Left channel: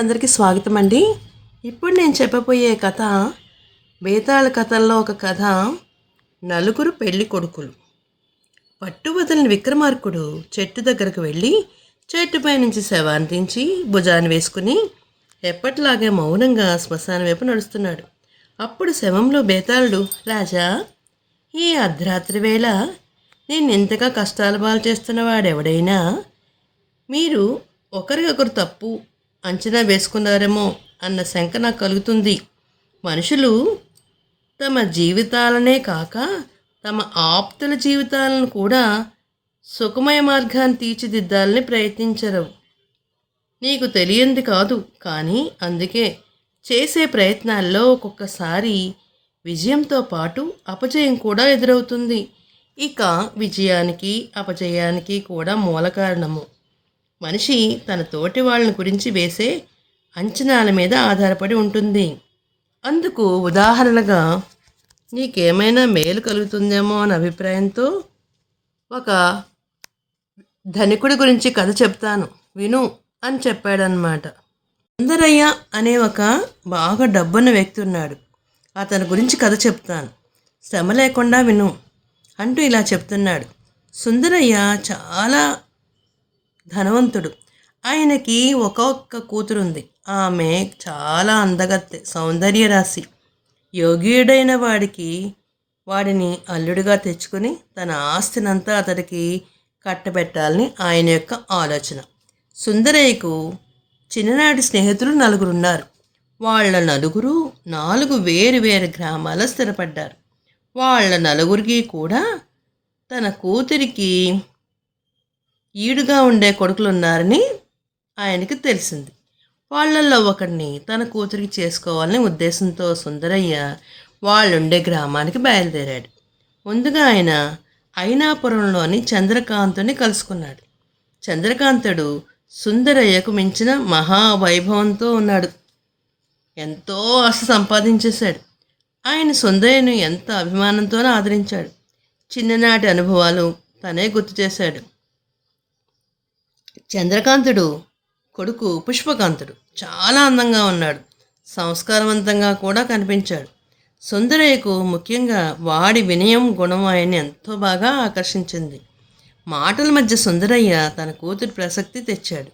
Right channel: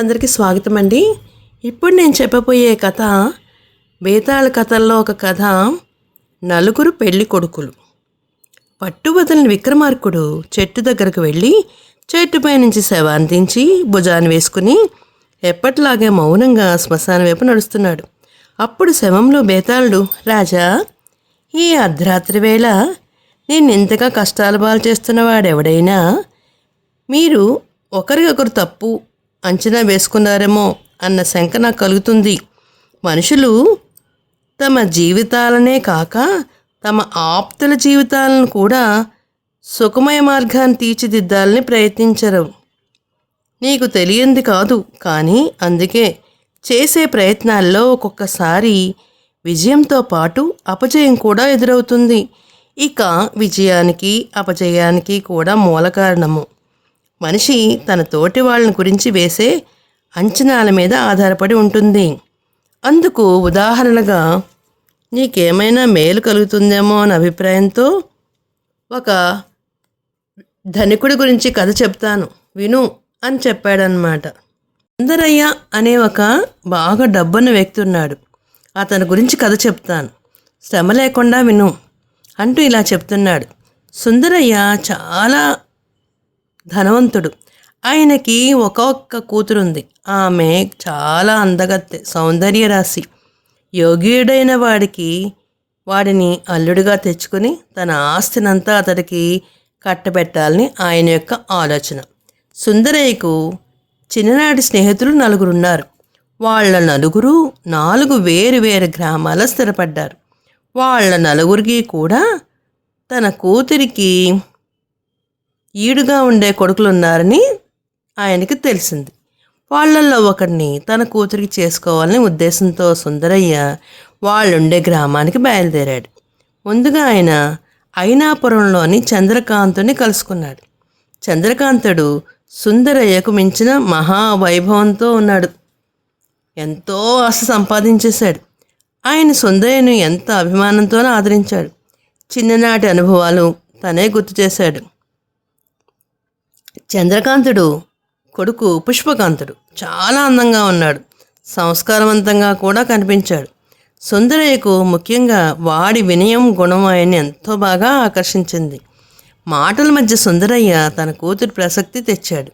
అందరికీ స్వాగతం అండి ఇప్పుడు నేను చెప్పబోయే కథ బేతాళ కథల్లో ఒక కథ నలుగురు పెళ్ళి కొడుకులు. పట్టు వదిలిన విక్రమార్కుడు చెట్టు దగ్గరకు వెళ్ళి చెట్టుపై నుంచి శవాన్ని దించి భుజాన్ని వేసుకుని ఎప్పటిలాగే మౌనంగా శ్మశానం వైపు నడుస్తున్నాడు. అప్పుడు శవంలో బేతాళుడు రాజా ఈ అర్ధరాత్రి వేళ నేను ఇంతగా కష్టాలు పాలు చేస్తున్నవాడెవడైనా మీరు ఒకరికొకరు తప్పు అంచనా వేసుకున్నారేమో అన్న శంక నాకు కలుగుతుంది. మనుషులు తమ జీవితాలనే కాక తమ ఆప్తుల జీవితాలను కూడా సుఖమయ మార్గాన్ని తీర్చిదిద్దాలని ప్రయత్నించరు. నీకు తెలియంది కాదు కానీ అందుకే చేసే ప్రయత్నాల్లో ఒక్కొక్కసారి విజయంతో పాటు అపజయం కూడా ఎదురవుతుంది. ఇక విజయానికి అపజయానికి కూడా మూల కారణము. మనిషి తన తోటి వాళ్ళని గురించి వేసే అంచనాల మీద ఆధారపడి ఉంటుంది. అందుకు ఉదాహరణగా నీకేమైనా మేలు కలుగుతుందేమో అనే అభిప్రాయంతో ఒక ధనికుడి గురించి కథ చెప్తాను. విను అని చెప్పాడనమాట సుందరయ్య అనే ఒక బాగా డబ్బున్న వ్యక్తి ఉన్నాడు. అతని గురించి కథ చెప్తాను. శ్రమ లేకుండా విను అంటూ ఇలా చెప్తున్నాడు. సుందరయ్య చాలా ధనవంతుడు. ఆయనకి ఒక్కొక్క కూతురుంది. ఆమె చాలా అందగత్తె సౌందర్య రాశి. యోగ్యుడైన వాడికి వాడిని అల్లుడిగా తెచ్చుకొని తన ఆస్తినంతా అతడికి కట్టబెట్టాలని ఆయన యొక్క ఆలోచన. సుందరయ్యకు చిన్ననాటి స్నేహితులు నలుగురున్నారు. వాళ్ళ నలుగురు నాలుగు వేరు వేరు గ్రామాల స్థిరపడ్డారు. వాళ్ళ నలుగురికి కూడా తన కూతురికి ఈడుగా ఉండే కొడుకులు ఉన్నారని ఆయనకి తెలిసింది. వాళ్ళల్లో ఒకరిని తన కూతురికి చేసుకోవాలని ఉద్దేశంతో సుందరయ్య వాళ్ళుండే గ్రామానికి బయలుదేరాడు. ముందుగా ఆయన అయినాపురంలోని చంద్రకాంతుని కలుసుకున్నాడు. చంద్రకాంతుడు సుందరయ్యకు మించిన మహావైభవంతో ఉన్నాడు. ఎంతో ఆశ సంపాదించేశాడు. ఆయన సుందరయ్యను ఎంత అభిమానంతోనూ ఆదరించాడు. చిన్ననాటి అనుభవాలు తనే గుర్తు చేశాడు. చంద్రకాంతుడు కొడుకు పుష్పకాంతుడు. చాలా అందంగా ఉన్నాడు. సంస్కారవంతంగా కూడా కనిపించాడు. సుందరయ్యకు ముఖ్యంగా వాడి వినయం గుణం ఆయన్ని ఎంతో బాగా ఆకర్షించింది. మాటల మధ్య సుందరయ్య తన కూతురు ప్రసక్తి తెచ్చాడు.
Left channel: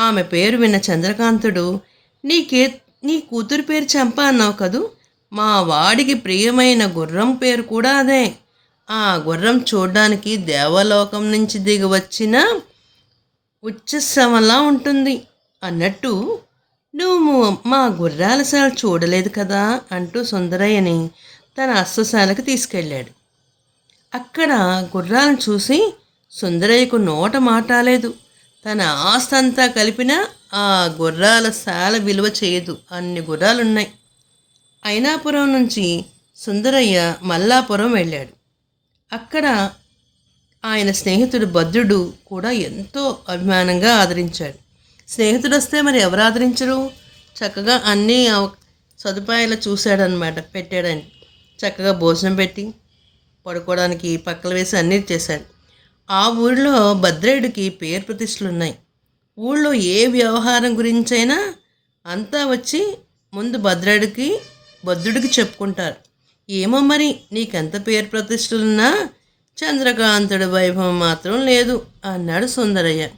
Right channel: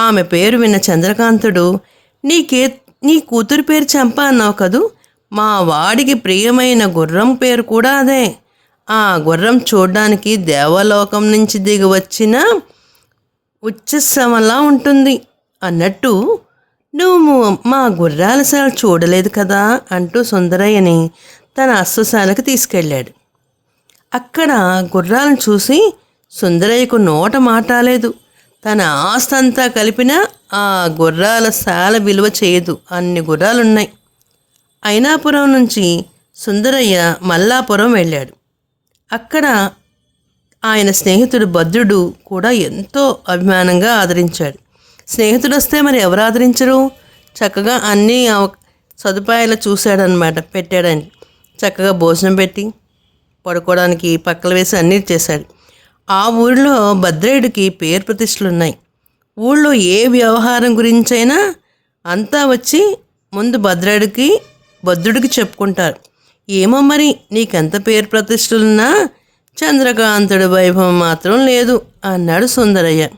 ఆమె పేరు విన్న చంద్రకాంతుడు నీకే నీ కూతురు పేరు చంప అన్నావు కదూ? మా వాడికి ప్రియమైన గుర్రం పేరు కూడా అదే. ఆ గుర్రం చూడ్డానికి దేవలోకం నుంచి దిగి వచ్చిన ఉచ్చశ్రమలా ఉంటుంది. అన్నట్టు నువ్వు మా గుర్రాల శాల చూడలేదు కదా అంటూ సుందరయ్యని తన అశ్వశాలకు తీసుకెళ్ళాడు. అక్కడ గుర్రాలను చూసి సుందరయ్యకు నోట మాటాలేదు తన ఆస్తంతా కలిపినా ఆ గుర్రాల శాల విలువ చేయదు. అన్ని గుర్రాలున్నాయి. అయినాపురం నుంచి సుందరయ్య మల్లాపురం వెళ్ళాడు. అక్కడ ఆయన స్నేహితుడు భద్రుడు కూడా ఎంతో అభిమానంగా ఆదరించాడు. స్నేహితుడు వస్తే మరి ఎవరు ఆదరించరు చక్కగా అన్ని సదుపాయాలు చూశాడనమాట పెట్టాడని. చక్కగా భోజనం పెట్టి పడుకోవడానికి పక్కలు వేసి అన్నీ చేశాడు. ఆ ఊరిలో భద్రేయుడికి పేరు ప్రతిష్టలు ఉన్నాయి ఊళ్ళో ఏ వ్యవహారం గురించైనా అంతా వచ్చి ముందు భద్రేయుడికి భద్రుడికి చెప్పుకుంటారు. ఏమో మరి నీకెంత పేరు ప్రతిష్టలున్నా చంద్రకాంతుడి వైభవం మాత్రం లేదు అన్నాడు సుందరయ్య.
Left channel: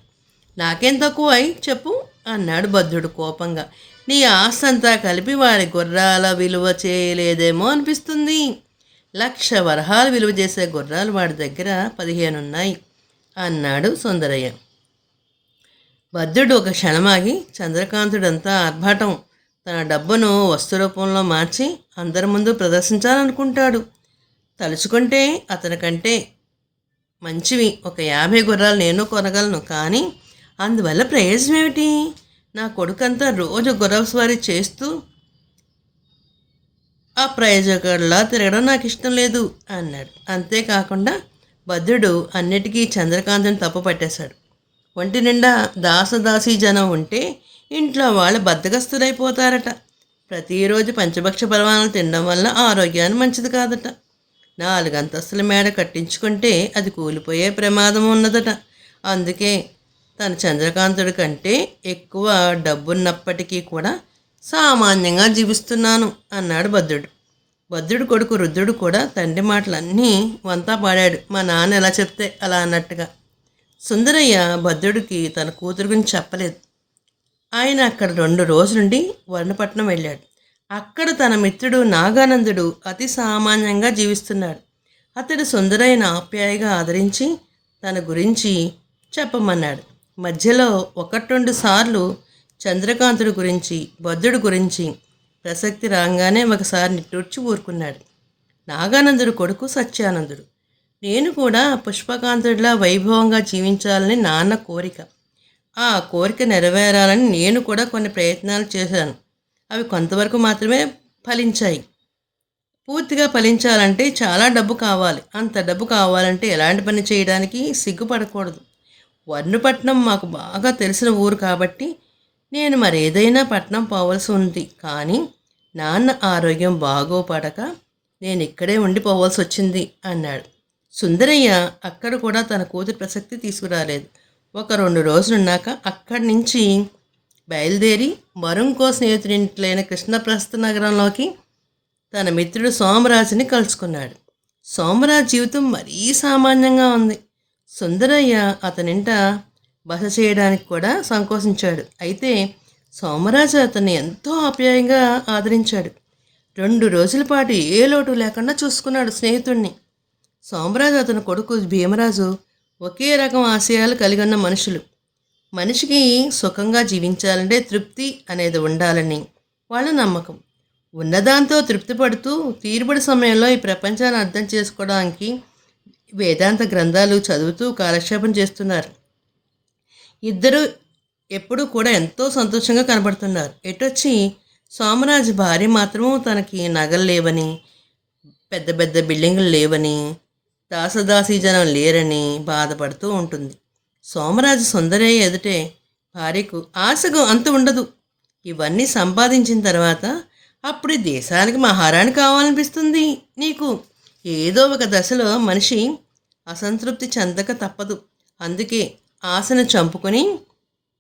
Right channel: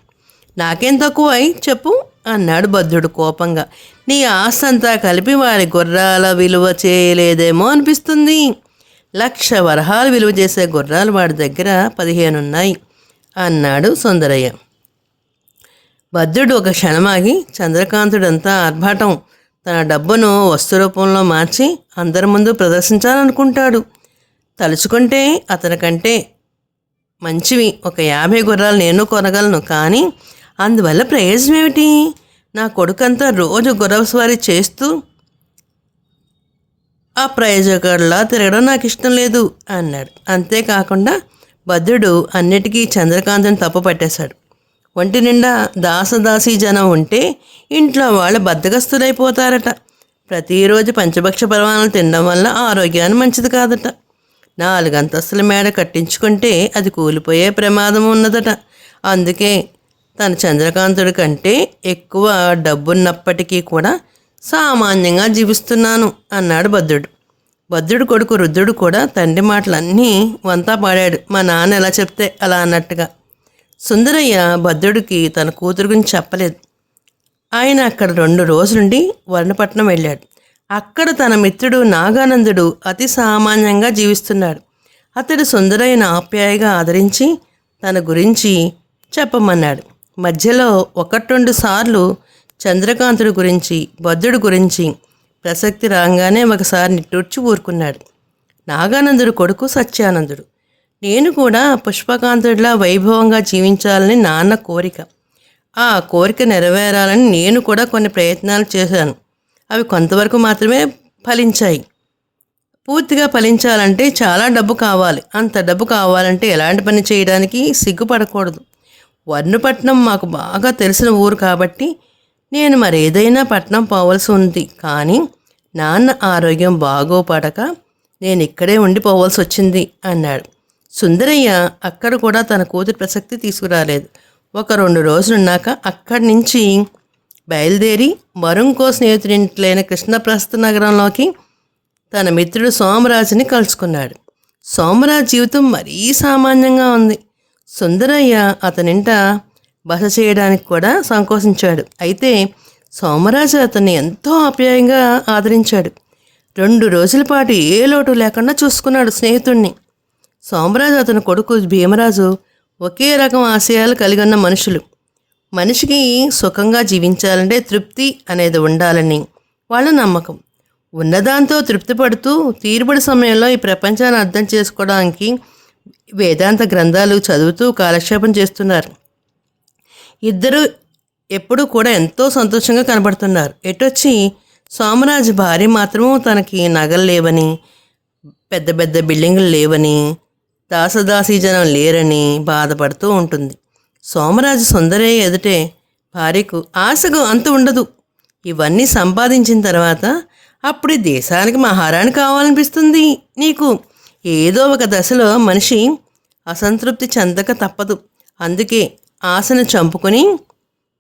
నాకేం తక్కువ? అయి చెప్పు అన్నాడు భద్రుడు కోపంగా. నీ ఆస్తంతా కలిపి వారి గుర్రాల విలువ చేయలేదేమో అనిపిస్తుంది. లక్ష వరహాలు విలువ చేసే గుర్రాలు వాడి దగ్గర పదిహేను ఉన్నాయి అన్నాడు సుందరయ్య. భద్రుడు ఒక క్షణమాగి చంద్రకాంతుడంతా ఆర్భాటం. తన డబ్బును వస్తు రూపంలో మార్చి అందరి ముందు ప్రదర్శించాలనుకుంటాడు. తలుచుకుంటే అతనికంటే మంచివి. ఒక యాభై గుర్రాలు నేను కొనగలను. కానీ అందువల్ల ప్రయోజనం ఏమిటి? నా కొడుకంతా రోజు గుర్రపు స్వారీ చేస్తూ ఆ ప్రయోజకుడిలా తిరగడం నాకు ఇష్టం లేదు అన్నాడు. అంతేకాకుండా భద్రుడు అన్నిటికీ చంద్రకాంతుని తప్పు పట్టేశాడు. ఒంటి నిండా దాసదాసీ జనం ఉంటే ఇంట్లో వాళ్ళు బద్దగస్తులైపోతారట ప్రతిరోజు పంచభక్ష పరమాణాలు తినడం వల్ల ఆరోగ్యాన్ని మంచిది కాదట. నాలుగు అంతస్తుల మేడ కట్టించుకుంటే అది కూలిపోయే ప్రమాదం ఉన్నదట. అందుకే తన చంద్రకాంతుడి కంటే ఎక్కువ డబ్బున్నప్పటికీ కూడా సామాన్యంగా జీవిస్తున్నాను అన్నాడు భద్రుడు. భద్రుడు కొడుకు రుద్రుడు కూడా తండ్రి మాటలన్నీ వంతా పాడాడు. మా నాన్న ఎలా చెప్తే అలా అన్నట్టుగా. సుందరయ్య భద్రుడికి తన కూతురు గురించి చెప్పలేదు. ఆయన అక్కడ రెండు రోజులుండి వర్ణపట్నం వెళ్ళాడు. అక్కడ తన మిత్రుడు నాగానందుడు అతి సామాన్యంగా జీవిస్తున్నాడు. అతడు సుందరైన ఆప్యాయగా ఆదరించి తన గురించి చెప్పమన్నాడు. మధ్యలో ఒకటి రెండు సార్లు చంద్రకాంతుడి గురించి భద్రుడి గురించి ప్రసక్తి రాగానే ఒకసారి నిట్టూర్చి ఊరుకున్నాడు. నాగానందుడు కొడుకు సత్యానందుడు. నేను కూడా పుష్పకాంతుడిలా వైభవంగా జీవించాలని నాన్న కోరిక. ఆ కోరిక నెరవేరాలని నేను కూడా కొన్ని ప్రయత్నాలు చేశాను. అవి కొంతవరకు మాత్రమే ఫలించాయి. పూర్తిగా ఫలించాలంటే చాలా డబ్బు కావాలి. అంత డబ్బు కావాలంటే ఎలాంటి పని చేయడానికి సిగ్గుపడకూడదు. వర్ణపట్నం మాకు బాగా తెలిసిన ఊరు కాబట్టి నేను మరేదైనా పట్నం పోవలసి ఉంది. కానీ నాన్న ఆరోగ్యం బాగోపడక నేను ఇక్కడే ఉండిపోవాల్సి వచ్చింది అన్నాడు. సుందరయ్య అక్కడ కూడా తన కూతురు ప్రసక్తి తీసుకురాలేదు. ఒక రెండు రోజులున్నాక అక్కడి నుంచి బయలుదేరి మరుంకో స్నేహితుడింట్లైన కృష్ణప్రస్థ నగరంలోకి తన మిత్రుడు సోమరాజుని కలుసుకున్నాడు. సోమరాజ్ జీవితం మరీ సామాన్యంగా ఉంది. సుందరయ్య అతనింట బస చేయడానికి కూడా సంకోచించాడు. అయితే సోమరాజు అతన్ని ఎంతో ఆప్యాయంగా ఆదరించాడు. రెండు రోజుల పాటు ఏ లోటు లేకుండా చూసుకున్నాడు స్నేహితుణ్ణి. సోమరాజు అతని కొడుకు భీమరాజు ఒకే రకం ఆశయాలు కలిగి ఉన్న మనుషులు. మనిషికి సుఖంగా జీవించాలంటే తృప్తి అనేది ఉండాలని వాళ్ళ నమ్మకం. ఉన్నదాంతో తృప్తి పడుతూ తీరుబడి సమయంలో ఈ ప్రపంచాన్ని అర్థం చేసుకోవడానికి వేదాంత గ్రంథాలు చదువుతూ కాలక్షేపం చేస్తున్నారు. ఇద్దరు ఎప్పుడూ కూడా ఎంతో సంతోషంగా కనబడుతున్నారు. ఎటొచ్చి సోమరాజు భార్య మాత్రం తనకి నగలు లేవని పెద్ద పెద్ద బిల్డింగులు లేవని దాసదాసీ జనం లేరని బాధపడుతూ ఉంటుంది. సోమరాజు సుందరయ్య ఎదుటే భార్యకు ఆశకు అంత ఉండదు. ఇవన్నీ సంపాదించిన తర్వాత అప్పుడు దేశానికి మహారాణి కావాలనిపిస్తుంది. నీకు ఏదో ఒక దశలో మనిషి అసంతృప్తి చెందక తప్పదు. అందుకే ఆశను చంపుకొని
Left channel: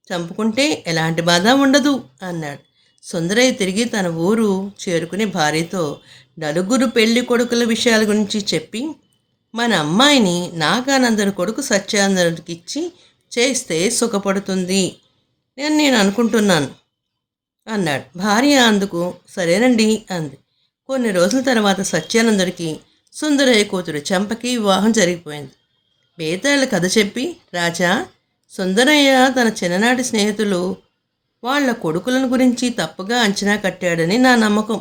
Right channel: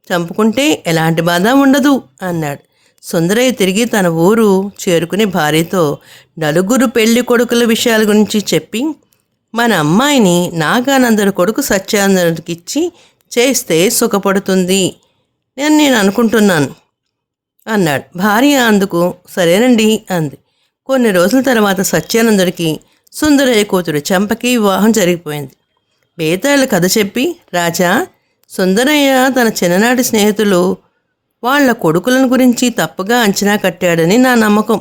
చంపుకుంటే ఎలాంటి బాధ ఉండదు అన్నాడు. సుందరయ్య తిరిగి తన ఊరు చేరుకుని భార్యతో నలుగురు పెళ్ళి కొడుకుల విషయాల గురించి చెప్పి మన అమ్మాయిని నాగానందరి కొడుకు సత్యానందరికి ఇచ్చి చేస్తే సుఖపడుతుంది నేను నేను అనుకుంటున్నాను అన్నాడు. భార్య అందుకు సరేనండి అంది. కొన్ని రోజుల తర్వాత సత్యానందుడికి సుందరయ్య కూతురు చెంపకి వివాహం జరిగిపోయింది. బేతాళ కథ చెప్పి రాజా సుందరయ్య తన చిన్ననాటి స్నేహితులు వాళ్ళ కొడుకులను గురించి తప్పుగా అంచనా కట్టాడని నా నమ్మకం.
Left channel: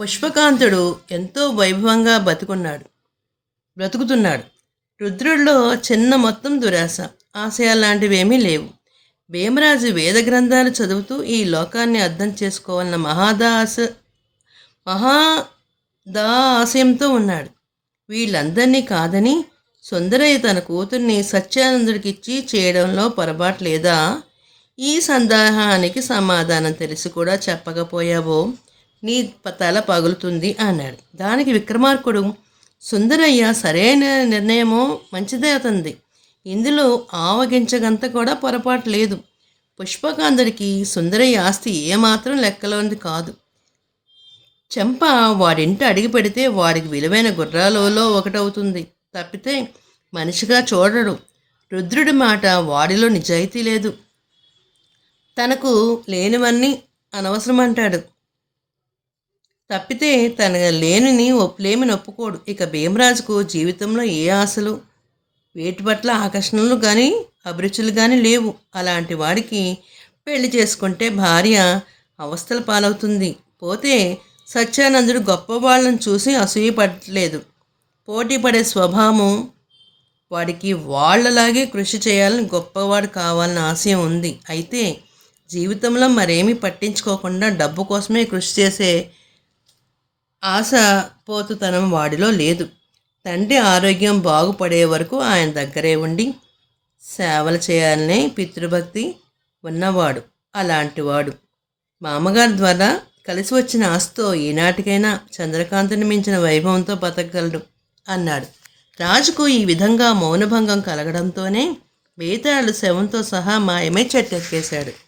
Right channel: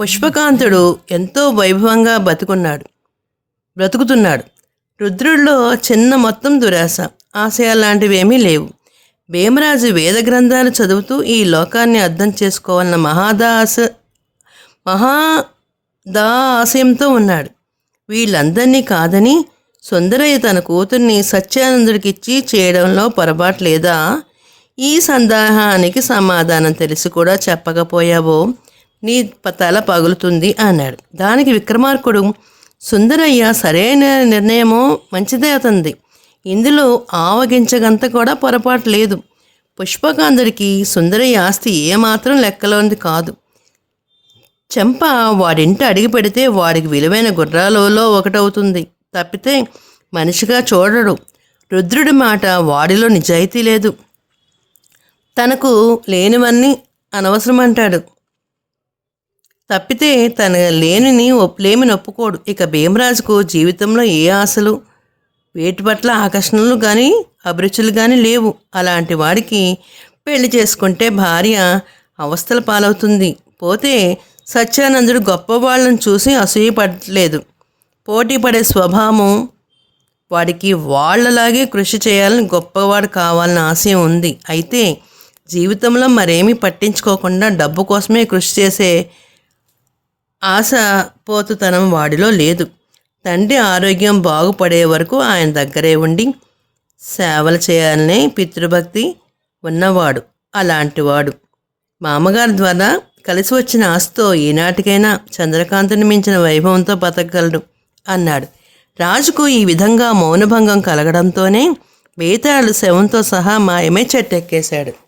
పుష్పకాంతుడు ఎంతో వైభవంగా బతుకున్నాడు. బ్రతుకుతున్నాడు. రుద్రుడిలో చిన్న మొత్తం దురాశ ఆశయాలాంటివేమీ లేవు. భీమరాజు వేద గ్రంథాలు చదువుతూ ఈ లోకాన్ని అర్థం చేసుకోవాలన్న మహాదాస మహాదా ఆశయంతో ఉన్నాడు. వీళ్ళందరినీ కాదని సుందరయ్య తన కూతుర్ని సత్యానందుడికిచ్చి చేయడంలో పొరపాటు లేదా? ఈ సందేహానికి సమాధానం తెలిసి కూడా చెప్పకపోయావో? నీ తల పగులుతుంది అన్నాడు. దానికి విక్రమార్కుడు సుందరయ్య సరైన నిర్ణయమో మంచిదే అతంది. ఇందులో ఆవగించగంత కూడా పొరపాటు లేదు. పుష్పకాంధుడికి సుందరయ్య ఆస్తి ఏమాత్రం లెక్కలోనిది కాదు. చెంప వాడింట అడిగి పెడితే వాడికి విలువైన గుర్రాలలో ఒకటవుతుంది. తప్పితే మనిషిగా చూడడు. రుద్రుడి మాట వాడిలో నిజాయితీ లేదు. తనకు లేనివన్నీ అనవసరం అంటాడు తప్పితే తన లేనిని ఒప్- ఒప్పుకోడు ఇక భీమరాజుకు జీవితంలో ఏ ఆశలు? వేటి పట్ల ఆకర్షణలు కానీ అభిరుచులు కానీ లేవు. అలాంటి వాడికి పెళ్ళి చేసుకుంటే భార్య అవస్థల పాలవుతుంది. పోతే సత్యానందుడు గొప్పవాళ్ళని చూసి అసూయపడలేదు. పోటీ పడే స్వభావం వాడికి వాళ్ళలాగే కృషి చేయాలని గొప్పవాడు కావాలని ఆశయం ఉంది. అయితే జీవితంలో మరేమీ పట్టించుకోకుండా డబ్బు కోసమే కృషి చేసే ఆశ పోతుతనం వాడిలో లేదు. తండ్రి ఆరోగ్యం బాగుపడే వరకు ఆయన దగ్గరే ఉండి సేవలు చేయాలనే పితృభక్తి ఉన్నవాడు అలాంటివాడు. మామగారి ద్వారా కలిసి వచ్చిన ఆస్తో ఈనాటికైనా చంద్రకాంతుని మించిన వైభవంతో బతకగలడు అన్నాడు. రాజుకు ఈ విధంగా మౌనభంగం కలగడంతోనే బేతాళుడు శవంతో సహా మాయమే చెట్టెక్కేశాడు.